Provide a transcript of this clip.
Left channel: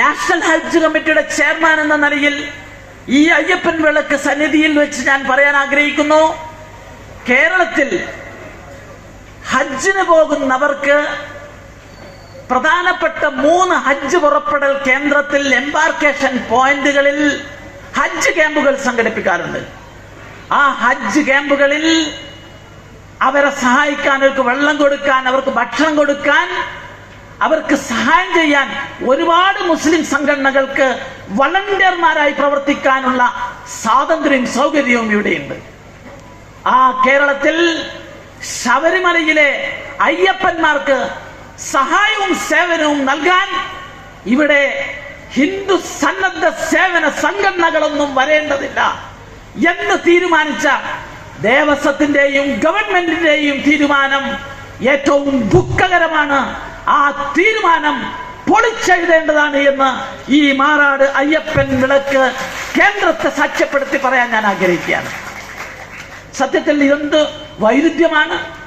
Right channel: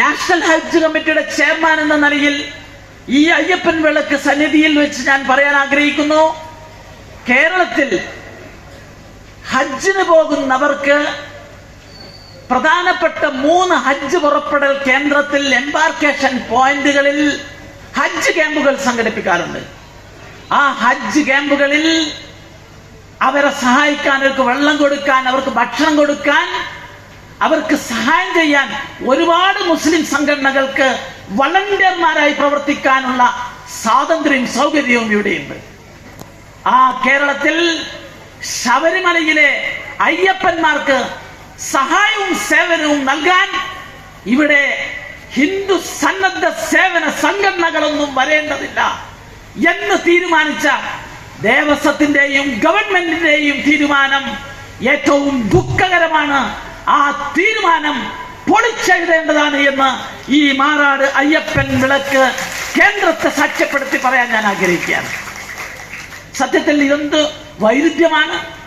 National ഹജ്ജ് കമ്മിറ്റിയുടെ chairman എന്ന നിലയിൽ ഈ അയ്യപ്പൻ വിളക്ക് സന്നിധിയിൽ വെച്ച് ഞാൻ പറയാൻ ആഗ്രഹിക്കുന്നു. കേരളത്തിൽ ഹജ്ജിന് പോകുന്നവർക്ക് പ്രധാനപ്പെട്ട മൂന്ന് ഹജ്ജ് പുറപ്പെടൽ കേന്ദ്രത്തിൽ എംബാർക്കേഷൻ പോയിന്റുകളിൽ ഹജ്ജ് ക്യാമ്പുകൾ സംഘടിപ്പിക്കാറുണ്ട്. ആ ഹജ്ജ് ക്യാമ്പുകളിൽ അവരെ സഹായിക്കാൻ അവർക്ക് വെള്ളം കൊടുക്കാൻ അവർക്ക് ഭക്ഷണം കൊടുക്കാൻ അവർക്ക് സഹായം ചെയ്യാൻ ഒരുപാട് മുസ്ലിം സംഘടനകൾക്ക് വളണ്ടിയർമാരായി പ്രവർത്തിക്കാനുള്ള സ്വാതന്ത്ര്യവും സൗകര്യവും ഇവിടെയുണ്ട്. ആ കേരളത്തിൽ ശബരിമലയിലെ അയ്യപ്പന്മാർക്ക് സഹായവും സേവനവും നൽകാൻ ഇവിടെ ഹിന്ദു സന്നദ്ധ സേവന സംഘടനകളൊന്നും വരേണ്ടതില്ല എന്ന് തീരുമാനിച്ച ദേവസ്വത്തിന്റെയും ഗവൺമെന്റിന്റെയും തീരുമാനം ഏറ്റവും ദുഃഖകരമാണ് തീരുമാനം പൊളിച്ചെഴുതേണ്ടതാണ് എന്ന് ഈ മാറാട് അയ്യപ്പൻ വിളക്ക് കേന്ദ്രത്തെ സാക്ഷ്യപ്പെടുത്തി പറയാൻ ഞാൻ ആഗ്രഹിക്കുകയാണ്. സത്യത്തിൽ ഇതെന്ത് വൈരുദ്ധ്യമാണ്?